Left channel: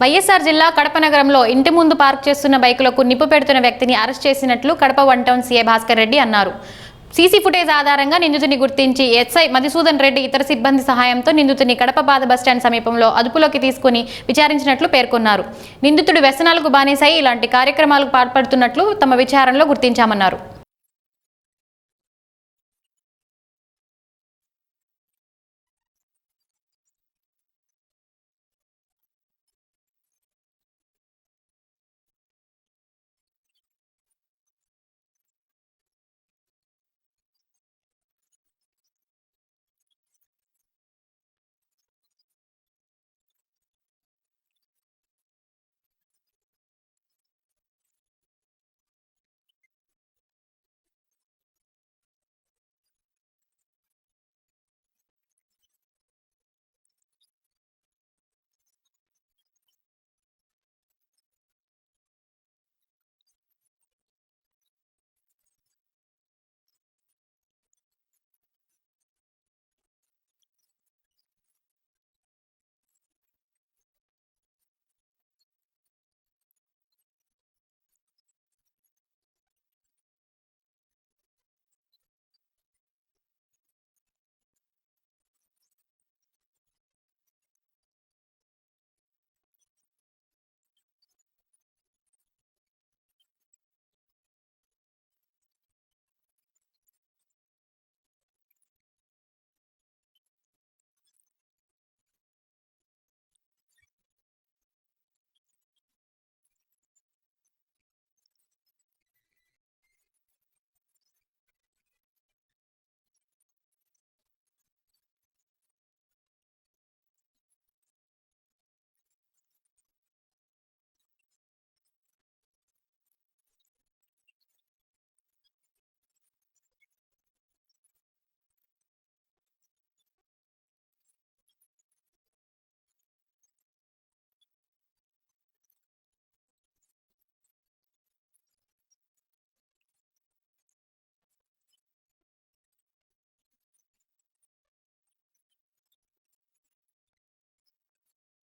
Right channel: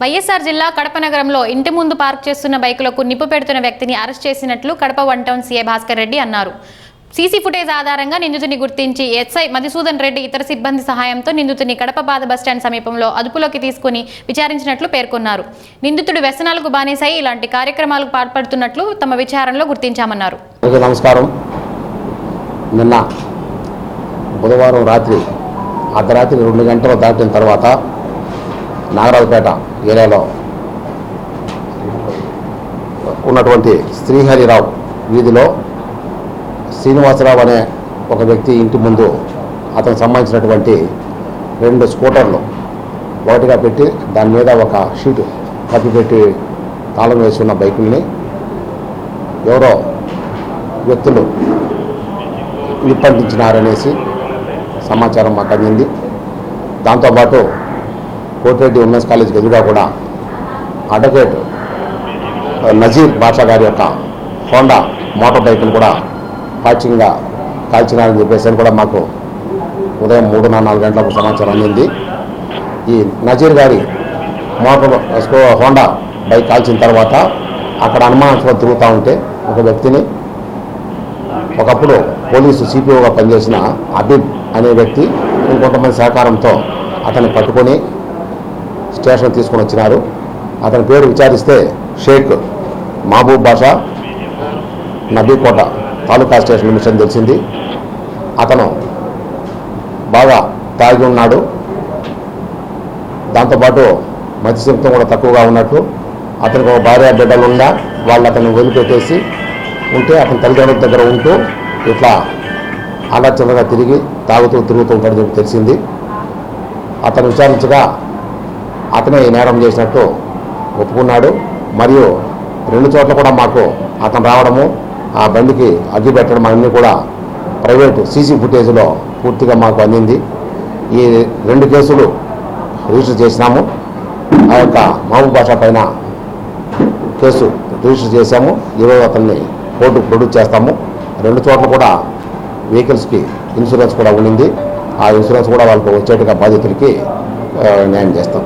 వైఎస్ఆర్ జిల్లా కడప నగరంలో ఇంటి ముందు పార్క్ చేస్తున్న బైకులకు నిప్పు పెడుతున్న వ్యక్తిని అరెస్ట్ చేసినట్లు కడప 1 టౌన్ సీఐ భాస్కర్ రెడ్డి అన్నారు. సీసీ ఫుటేజ్ ఆధారంగా నిందితుని గుర్తించి ఎస్ఐ మధుసూదన్ రెడ్డి ఇతర సిబ్బంది సహాయంతో నిందితుని కడప పాత బస్టాండ్ సమీపంలో అదుపులోకి తీసుకుని విచారించినట్లు పేర్కొన్నారు. నిందితుడు వ్యసనాలకు బానిసై ఇలాంటి కార్యక్రమాలకు పాల్పడుతున్నట్లు తమ విచారణలో గుర్తించామన్నారు. నమస్కారం. నిన్న బుధవారం రాత్రి అర్ధరాత్రి 2 గంటలు దాటిన తర్వాత నాగరాజపేట ఏరియాలో ఉన్నటువంటి శ్రీహరిరావు వీధిలో శ్రీనివాసరావు అనే ఒక వ్యక్తి ఇంటి ముందు అతనికి సంబంధించినటువంటి 2 స్కూటర్లు ఒకటిగా పెట్టి దాని మీద ఒక షీటు కప్పిపెట్టి తాళం వేసి ఉన్న బైకుల్ని ఎవరో వ్యక్తులు విప్పంటించినారనేసి సమాచారం మాకు అందింది. దాంతోపాటు కోటిరెడ్డి ఉమెన్స్ కాలేజ్ ఎదురుగా కూడా అడ్వకేట్ నజీర్ బాషా గారి యొక్క హోండా మోటార్ బైక్ను కూడా పాచింగ్గా కాల్చినారని చెప్పేసి కూడా మాకు ఉదయం 3-4 గంటలకు సమాచారం అందింది. ఈ నజీర్ గారి హోండా బైక్ కాల్చిన తర్వాత అక్కడ అనుమానాస్పదం తిరుగుతూ ఉంటే ఒక వ్యక్తిని ఒకప్పుడు పోలీసు సిపిఓగా పనిచేసిన అబీబ్ అనే వ్యక్తి ఇంకొంతమంది సహకారంతో అతన్ని పట్టుకొని స్టేషన్ తీసుకొని వచ్చినారు. అతని పేరు విచారిస్తే షేక్ మహబూబ్ బాషా, నబీకోట తాలూకా స్టేషన్ మిషన్ తెలిసింది. అతను బాగా తాగి ఉన్నాడు. దాంతోపాటు మత్స్యశక్తం కూడా తక్కువగా ఉన్నట్టు, అతనికి ఒక భార్య బిడ్డలు ఉన్నా వాళ్ళు అతన్ని వదిలిపెట్టేసి ఉంటే అతని తల్లిదండ్రుల దగ్గర ఉంటూ ఇట్లా ఆలోచనగా తాగుతూ తిరుగుతూ ఉంటాడని చెప్పి తెలిసింది. అతను విచారించగా అతనే ఈ నేరం చేసినట్టు ఒప్పుకున్నాడు. మరియు 2 చోట్ల కూడా మాకు అతను రావడము, ఆ బండికి అగ్గి పెట్టడం అన్నీ కూడా ప్రైవేటు సీసీ ఫుటేజ్లో పూర్తిగా మాకు అందింది. ఈ 2 కేసులు రిజిస్టర్ చేసినాము. ఆ యొక్క మహబూబ్ బాషా పైన కేసు రిజిస్టర్ చేశాము. ఈరోజు అతన్ని కోర్టుకు ప్రొడ్యూస్ చేస్తాము. 2 చోట్ల కూడా వెహికల్స్కి ఇన్సూరెన్స్ కూడా ఉండింది. ఆ ఇన్సూరెన్స్ కూడా వాళ్ళకు వచ్చేట్టుగా బాధితులకి న్యాయం చేస్తాం.